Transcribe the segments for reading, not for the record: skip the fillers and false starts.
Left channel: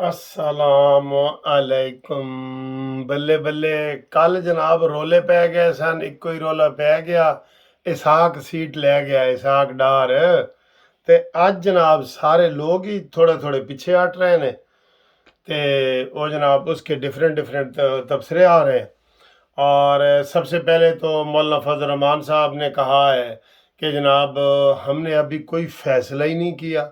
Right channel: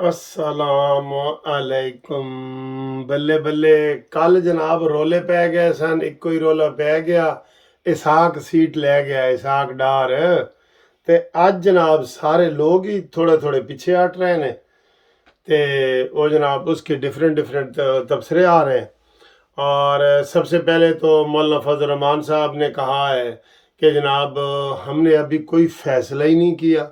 अस्सलाम अलैकुम। बल्ले बल्ले, कल जनाब रोले पै गए सन। एक कोई रोला पै गया, इसहाक सीट लै गया, इसहाक डार। ते अज जनाब सारे लोग ही थोड़े थोड़े पीछे हट रहे ने। ते वो जनाब उसके डिफरेंट डिफरेंट तबसरे आ रहे हैं। और सबसे पहले तो मौलाना फजल रहमान साहब ने कहा है कि जनाब हमने अभी कोई फ़ैसला ही नहीं किया।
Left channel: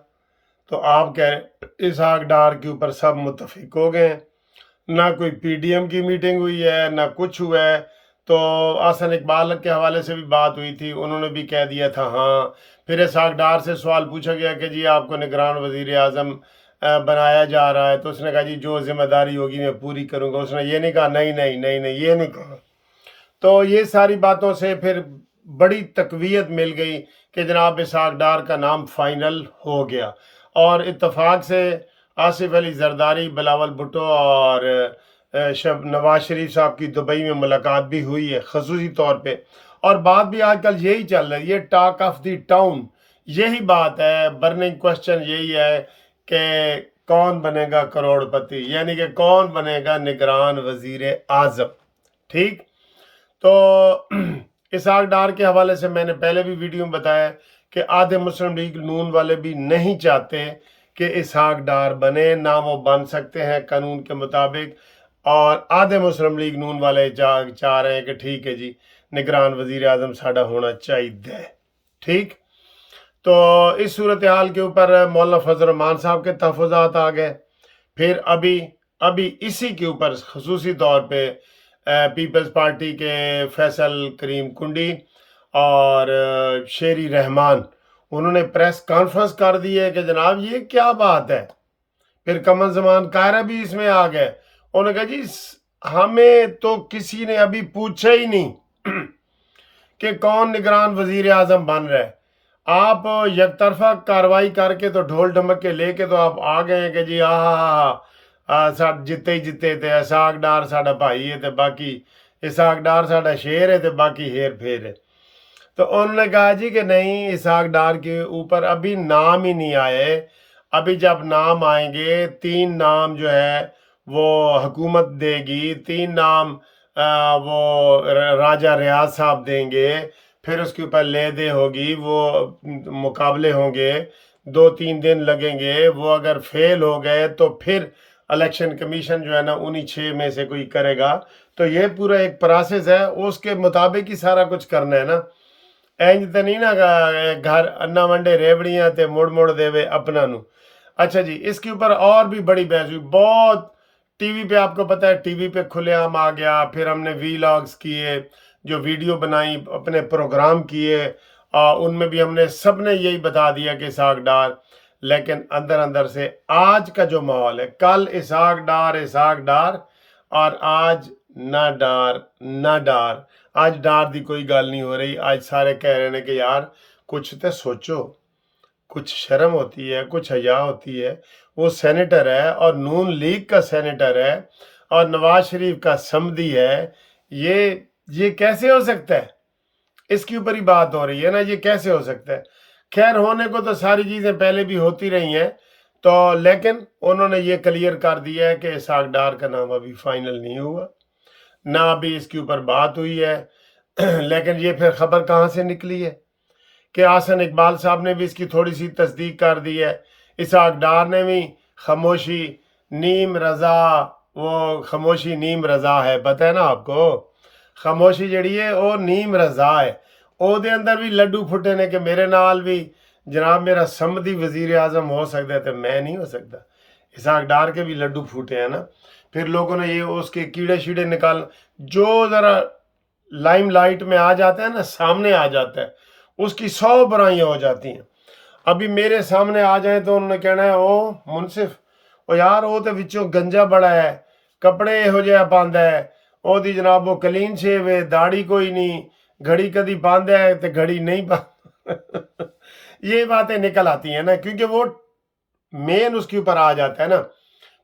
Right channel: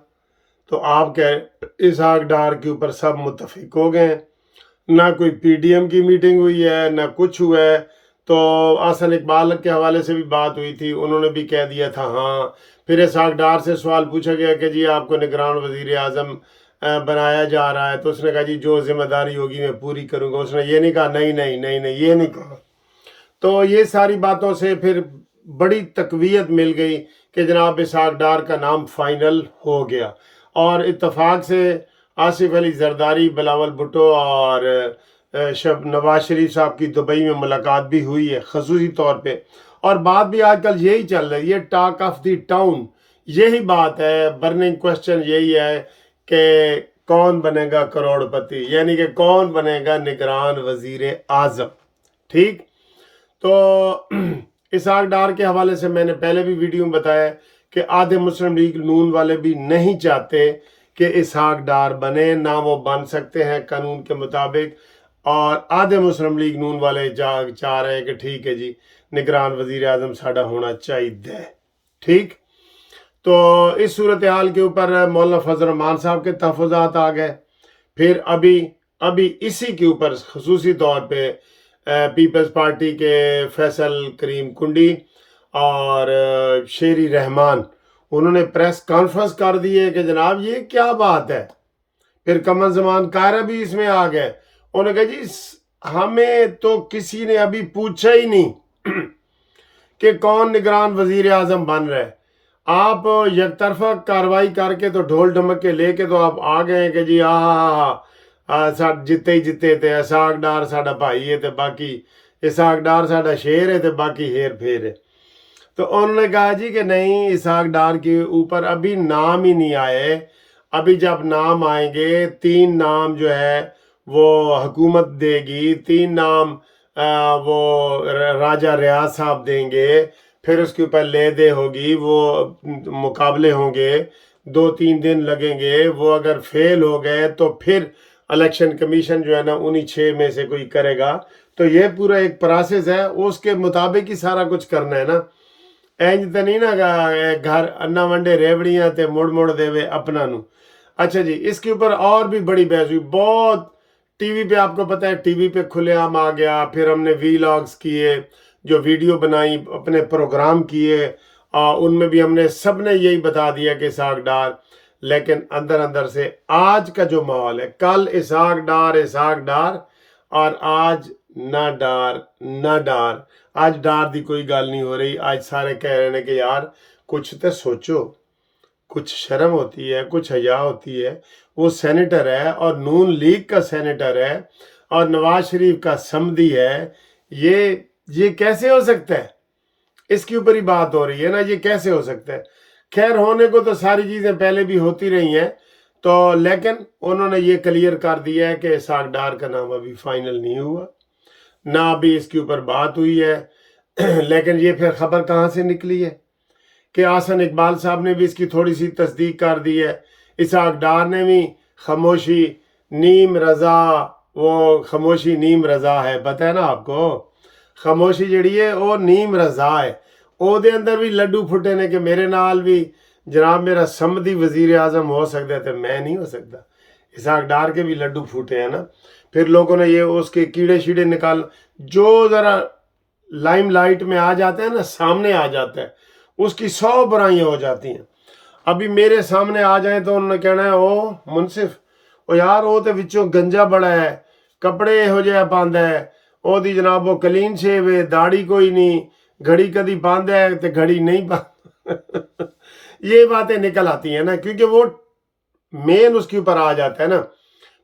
तो आप कह इसहाक डार के ऊपर सब मुतफिक हो गए हैं। ना कोई पीडीएम की मीटिंग हुई है, ना कुछ हुआ है। तो आसन इकबाल के हवाले से भी बात हुई थी, उन्होंने भी कह दिया था हाँ। फिर इसहाक डार से सवाल पूछा गया कि जी आपको निगरान वजीर आज़म बनाया जा रहा है, तो उसने कहा जी जो जिम्मेदारी होगी मैं पूरी करूँगा। उसने ये नहीं कहा नहीं नहीं नहीं नहीं, ये नहीं कहा। तो ये सारी बातों से फिर बड़ी तकवीत मिल गई कि जनाब इसहाक डार का नाम फाइनल हो गया। और इत्तफाक से आसिफ अली जरदारी, बिलावल भुट्टो और नवाज शरीफ साहब की दुबई में मुलाकात भी हुई है खसूसी तौर पे। और बात भी आजकल यही चल रही है, टॉक ऑफ द टाउन यही बात है, बर्निंग क्वेश्चन यही है कि कौन बनेगा करोड़पति, यानी कि कौन बनेगा निगरान वजीर आज़म। ठीक। तो इसहाक डार के हवाले से मैंने पहले भी वीडियो में बताया कि आधे मुस्लिम लीग नून वाले भी नहीं चाहते कि इसहाक डार बने, ना वो बन सकते हैं कानून के मुताबिक। और आधे मुस्लिम लीग नून वाले चाह रहे हैं कि ठीक है जी, निगरान वजीर आज़म साडा होना चाहिए। ठीक। तो इस सूरत हाल के ऊपर मौलाना फजल रहमान साहब के तहफ़्फ़ुज़ात आ गए। फिर अभी इसी के ऊपर खसूसी तौर पे पीपल्स पार्टी के फैसल करीम कुंडी और शेरी रहमान, उन्होंने प्रेस कॉन्फ्रेंस कर दी है कि जनाब ये क्या बात है। फिर कमर जमान कायरा भी इसमें आ गए। उन्होंने कहा जी हमें तो किसी ने अभी पूछा ही नहीं कि कौन निगरान वजीर आज़म बन रहा है। आप यकतरफा कार्रवाई करके तो ढोल ढमक के लेके तो आप आ गए हैं कि जी जिते ही जिते ते इसहाक डार साडा भाई है, तो बाकी इसहाक डार साडा शेर है, तो बाकी हेर फेर है। तो उन्होंने कहा जी कि नहीं, इसहाक डार के ऊपर अभी नाम ही नहीं आए। अभी जब नाम आएंगे, 3 नाम जो है वो हुकूमत देगी, 3 नाम वो राजा रियाज साहब देंगे। फिर उसके ऊपर ले दे होगी, वो मुकाबले होंगे, 2-3 दिन लगेंगे। वो अगर फेल हो गए तो फिर इलेक्शन कमीशन जो है ना उन्हीं 6 में से कोई करेगा। तो ये पूरा एक प्रोसेस है, उसके मुताबिक ही सारा कुछ करना है ना। इंज तो नहीं ना घर अन्ना वंडे रेवड़ियाँ ते मुड़ मुड़ देवे अपना नू। अच्छा जी, इसके ऊपर और भी बड़ी बहस हुई बहुत। टीवी पे आपको पता है, टीवी पे खुलेआम आ गया। फिर हमने वीलॉग्स किए, जो वीडियो बनाई, अपने प्रोग्राम किए, उनमें भी हमने सब ने यही बता दिया कि इसहाक डार। लेकिन अंदर अंदर से आज का जो माहौल है, कल इसहाक डार और आज ना डार ना डार। आज डार दी कोई गल नहीं हो रही। आज सारे कह रहे हैं कि यार कुछ तो सोचो, कुछ शर्म होती है, कुछ हया होती है। वो सेनेटर है और नून लीग का सेनेटर है और नवाज शरीफ का समधी है। ये कैसे हो सकता है? इसके ऊपर ही बात हो रही है ना, ये कैसे हो सकता है। खैर, होने को तो सारी चीज़ें पहले भी होती रही हैं। तो लेकिन उन्होंने ये क्लियर कर दिया है कि इसहाक डार का नाम अभी फाइनल नहीं हुआ, ना अभी इसके ऊपर बात हुई है। लेकिन ये फिर खबर कहाँ से निकली है कि आसन इकबाल साहब ने भी इसकी थोड़ी सी तस्दीक कर दी है। इसहाक डार ने भी खामोशी नीम रजा, वो खामोशी नीम रजा है, पता है ना आपको। खामोशी जड़ी है वो नीम रजा है। ਉਹਦੇ अंदर भी लड्डू फुटे ने कि मेरे नाल भी जनाब मेरा समधी वजीर आज़म हो सकता है, तो मैं नहीं हो सकता। इसहाक डार के भी लड्डू फूटे हैं ना। फिर लोगों ने ये उसके कीड़े शीड़े निकाल, जो ज़रा लाइमलाइट में आ जाता है ना, सामने आ जाता है, उसकी 100 बुराइयां हो जाती हैं। अभी मेरे सामने आ जाए तो उन्होंने कहना है ओ मुनसिफ, ओ यार वो तो विचों गंजा बड़ा है, कपड़े ਇਹੋ ਜਿਹਾ ਪਾਉਂਦਾ ਹੈ, ਉਹਦੀ जनाब वो क्लीन शेव है, दाढ़ी कोई नहीं, घड़ी कभी पांदा है तो घड़ी नहीं पा ये बातें निकल आती हैं ना, क्योंकि वो मेन उसके ऊपर आ जाता है ना।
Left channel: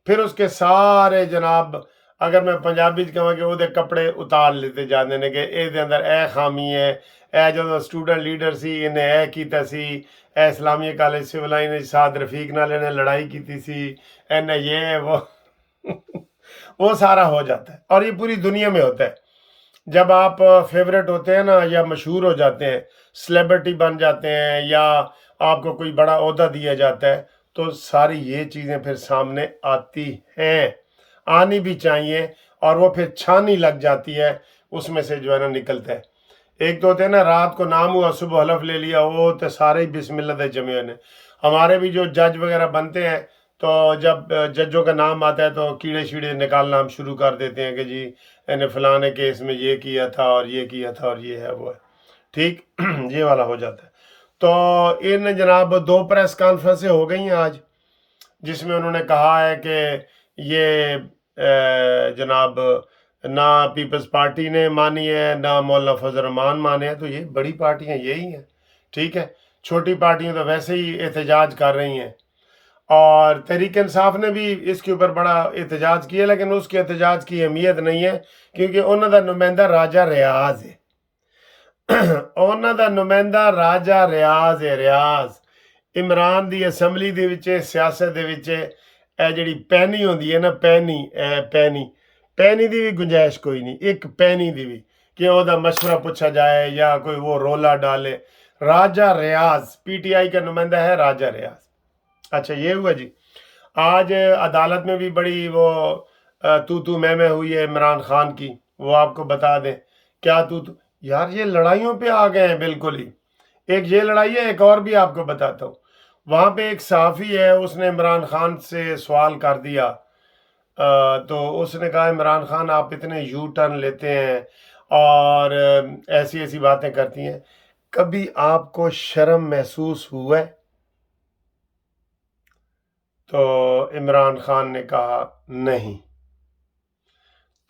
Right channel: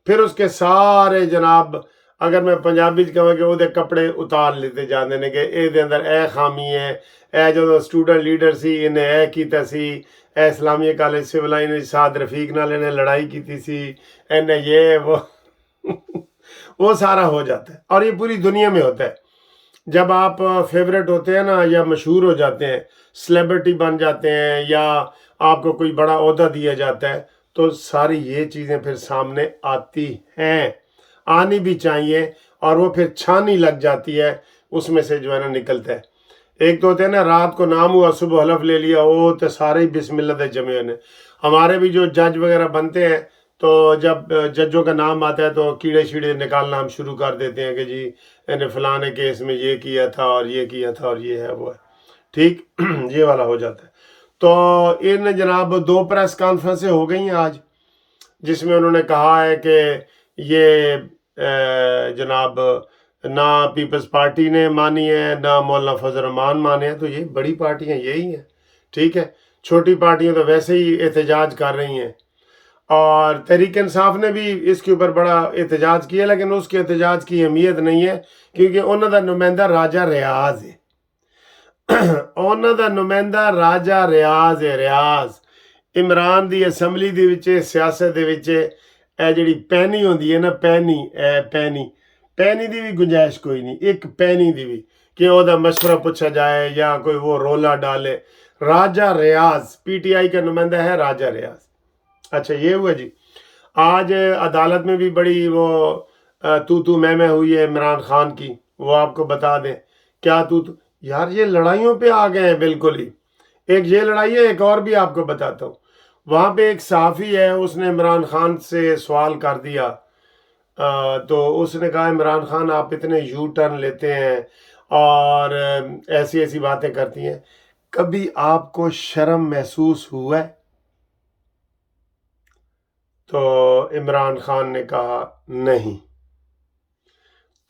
फिर उसके सारे जनाब اگر میں पंजाबी च कहां कि ਉਹਦੇ ਕੱਪੜੇ ਉਤਾਰ ਲਿੱਤੇ ਜਾਂਦੇ ਨੇ ਕਿ ਇਹਦੇ ਅੰਦਰ ਇਹ ਖਾਮੀ ਹੈ, ਇਹ ਜਦੋਂ ਸਟੂਡੈਂਟ ਲੀਡਰ ਸੀ ਇਹਨੇ ਇਹ ਕੀਤਾ ਸੀ, ਇਹ ਇਸਲਾਮੀਆ ਕਾਲਜ ਸਿਵਲ ਲਾਈਨ ਵਿੱਚ ਸਾਦ ਰਫੀਕ ਨਾਲ ਇਹਨੇ लड़ाई की थी, ਇਹਨੇ ये वो सारा हो जाता है। और ये पूरी दुनिया में होता है। जब आप फेवरेट होते हैं ना, या मशहूर हो जाते हैं, सेलिब्रिटी बन जाते हैं, या आपको कोई बड़ा ओहदा दिया जाता है, तो सारी ये चीज़ें फिर सामने आती हैं, आनी भी चाहिए, और वो फिर छानी लग जाती है, उसमें से जो है ना निकलता है। एक तो होते हैं ना, रात को नाम हुआ सुबह हलफ ले लिया, वो तो सारे ही बिस्मिल्लाह दे जमे ने। हमारे भी जो जज वगैरह बनते हैं, तो जब जजों का नाम आता है तो कीड़े शीड़े निकालना हम शुरू कर देते हैं कि जी इन्हें फलाने केस में ये किया था और ये किया था और ये है वो है, ठीक। ये वाला हो जाता है। तो इन जनाब 2 प्रेस कॉन्फ्रेंसें हो गई हैं आज, जिसमें उन्होंने कहा है कि ये जनाब ना पीपल्स पार्टी ने मानी है, ना मौलाना फजल रहमान माने हैं। तो ये बड़ी पार्टियां यही हैं, ठीक है। छोटी पार्टियां तो वैसे ही एहतजाज कर रही हैं, और तहरीक इंसाफ ने भी इसके ऊपर बड़ा एहतजाज किया, लेकिन उसके एहतजाज की अहमियत नहीं है, क्योंकि उन्हों का नुमाइंदा राजा रियाज है। उन्हों का नुमाइंदा राजा रियाज है। रियाज इमरान की असैंबली दे विच, सियासत दे विच ਇਹ ਜਿਹੜੀ ਪੈਨੀ ਹੁੰਦੀ ਹੈ ਨਾ, ਪੈਨੀ ਦੀ ਵੀ ਗੁੰਜਾਇਸ਼ ਕੋਈ नहीं, एक पैनी ਦੀ भी कि ਉਹਦਾ मशवरा पूछा जाए या कोई वो रोला डाले। राजा रियाज PTI का नुमाइंदा है, राजा रियाज। अच्छा, ये हुआ जी। आज अदालत में भी बड़ी वो तू मैं हुई है इमरान खान की, वो आपको बता दें। क्या तू यार, ये लड़ाइयों पे आ गए हैं बिल्कुल ही। एक ये लड़ाई है, एक और भी आपको बताता हूँ। वहाँ पे एक सहाफ़ी है, उसने इमरान खान से सवाल कर दिया, तो उसने कहा इमरान खान आप इतने यू टर्न लेते हैं और ऐसी ऐसी बातें करती हैं, कभी आपको शर्म महसूस हुआ है? तो इमरान खान ने कहा नहीं।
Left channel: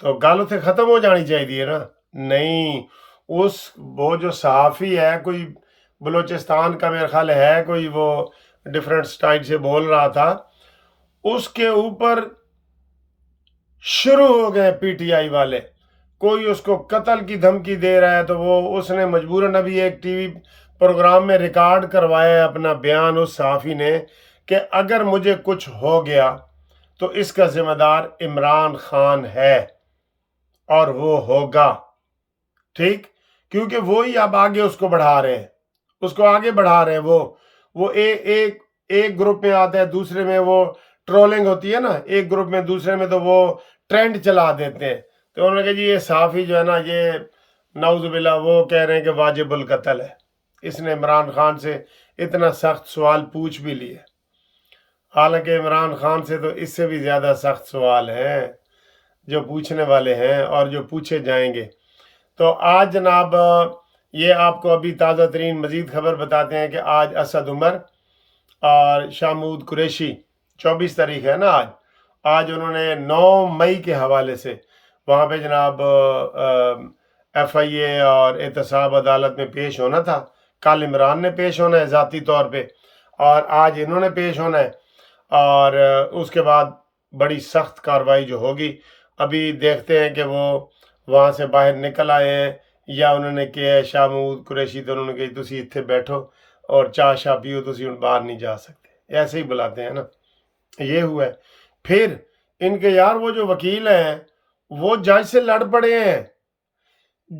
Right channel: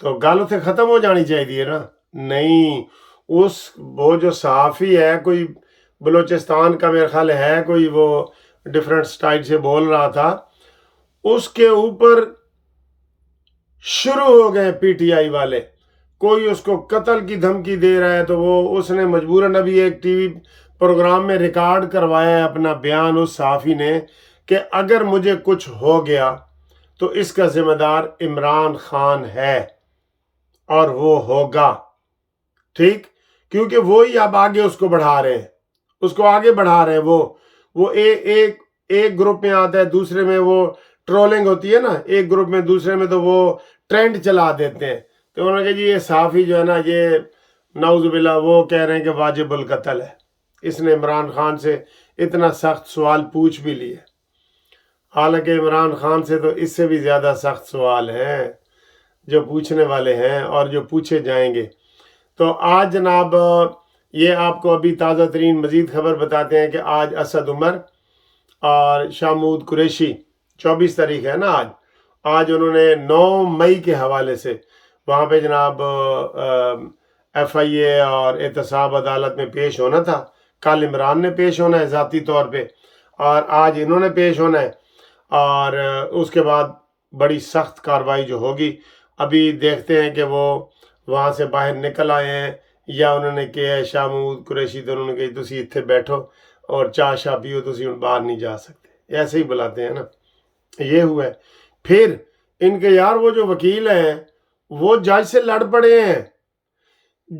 तो गल उत्थे ख़त्म हो जानी चाहिए ना। नहीं, वो जो सहाफ़ी है, कोई बलूचिस्तान का मेरा ख्याल है, कोई वो डिफरेंट स्टाइल से बोल रहा था, उसके ऊपर शुरू हो गए PTI वाले। कोई उसको कत्ल की धमकी दे रहा है, तो उसने मजबूरन अभी एक TV प्रोग्राम में रिकॉर्ड करवाया है अपना बयान, उस सहाफ़ी ने, कि अगर मुझे कुछ हो गया तो इसका जिम्मेदार इमरान खान है, और वो होगा, ठीक। क्योंकि वो ही अब आगे उसको बढ़ा रहे हैं, उसको आगे बढ़ा रहे हैं। वो एक ग्रुप में आता है, दूसरे में वो ट्रोलिंग होती है ना, एक ग्रुप में, दूसरे में तो वो ट्रेंड चला देते हैं। तो उन्होंने कहा जी ये सहाफ़ी जो है ना, ये नाउज़ुबिल्लाह, वो कह रहे हैं कि वाजिबुल कत्ल है। इसने इमरान खान से इतना सख्त सवाल पूछ भी लिए, हालांकि इमरान खान से तो इससे भी ज़्यादा सख्त सवाल हैं जो पूछने वाले हैं और जो पूछे जाएंगे। तो आज जनाब ये आपको अभी ताज़ा तरीन मज़ीद खबर बताते हैं कि आज असद उमर और शामूद कुरैशी, 24 तारीख है ना आज उन्होंने 9 मई के हवाले से वहाँ पे जनाब FIA और एहतसाब अदालत में पेश होना था। कल इमरान ने पेश होना है ज़ाती तौर पे, और आज इन्होंने पेश होना है, और उसके बाद बड़ी सख्त कार्रवाई जो होगी। अभी देखते हैं कि वो वहाँ से बाहर निकल आए हैं या उन्होंने किया। शामूद कुरैशी तो उन्होंने कही तुसी इत्थे बैठो और चाह शाह पियो, तुसी हुण बाहर नहीं जा सकते, ऐसे ही बुलाते हैं ना। ये हुआ है। फिर इनके यार वो जो वकील हैं वो जज से लड़ पड़े हैं।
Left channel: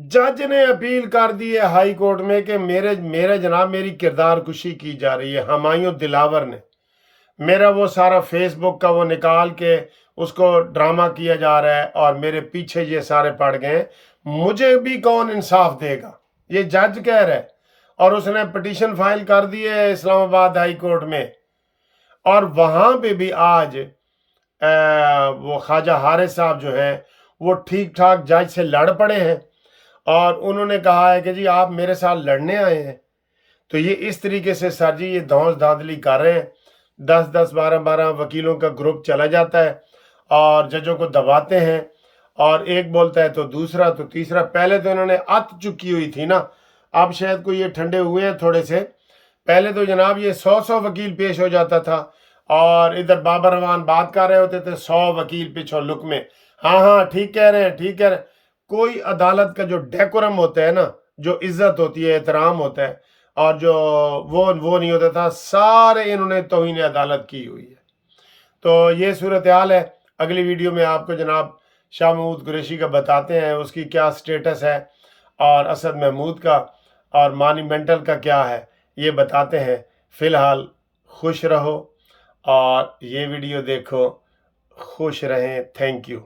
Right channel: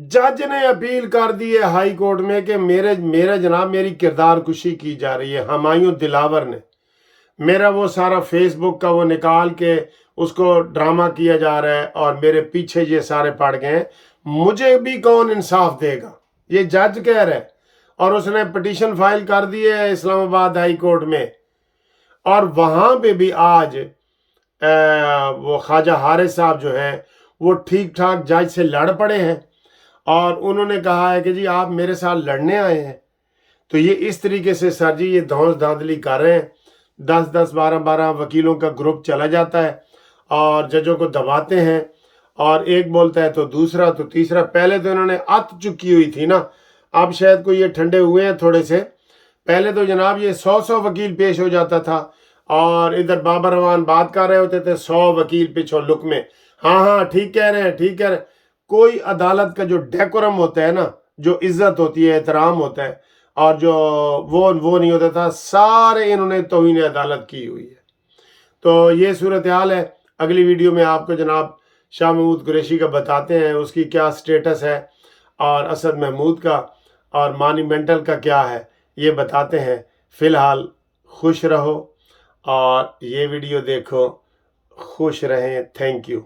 जज ने अपील कर दी है हाई कोर्ट में कि मेरे जनाब मेरी किरदार कुशी की जा रही है। हुमायूं दिलावर ने मेरा वो सारा फेसबुक का वो निकाल के उसको ड्रामा किया जा रहा है, और मेरे पीछे ये सारे पड़ गए हैं, मुझे भी कौन इंसाफ देगा, ये जज कह रहा है। और उसने पिटीशन फाइल कर दी है इस्लामाबाद हाई कोर्ट में, और वहाँ पे भी आज वो ख्वाजा हारिस साहब जो है वो ठीक ठाक जज से लड़ पड़े हैं, और उन्होंने कहा है कि जी आप मेरे साथ लड़ने आए हैं। तो ये इस तरीके से सर जी ये धौंस धांधली कर रहे हैं। 10-10, 12-12 वकीलों का ग्रुप चला जाता है और जजों को दबाते हैं, और एक बोलता है तो दूसरा तो तीसरा। पहले तो इन्होंने अत चुकी हुई थी ना, अब शायद कोई ये ठंडे हुए हैं थोड़े से। पहले तो जनाब ये 100 वकील पेश हो जाता था, اور ادھر بابر رحمان بات کر رہے ہوتے تھے 100 وکیل پیچھو لک میں، ہاں ہاں ٹھیک کہہ رہے ہیں ٹھیک کہہ رہے ہیں۔ کوئی عدالت کا جو ڈیکورم ہوتا ہے نا، جو عزت ہوتی ہے، احترام ہوتا ہے، اور جو وہ نہیں ہوتا تھا، سارے انہوں نے توہین عدالت کی ہوئی ہے۔ تو یہ صورتحال ہے۔ اگلی ویڈیو میں آپ کو جناب شاہ محمود قریشی کا بتاتے ہیں اس کی کیا سٹیٹس ہے، اور اسد محمود کا اور مانیمنٹل کا کیا ہے، یہ بتاتے ہیں۔ فی الحال خوش رہو اور یہ ویڈیو دیکھو، خوش رہیں۔ Thank you.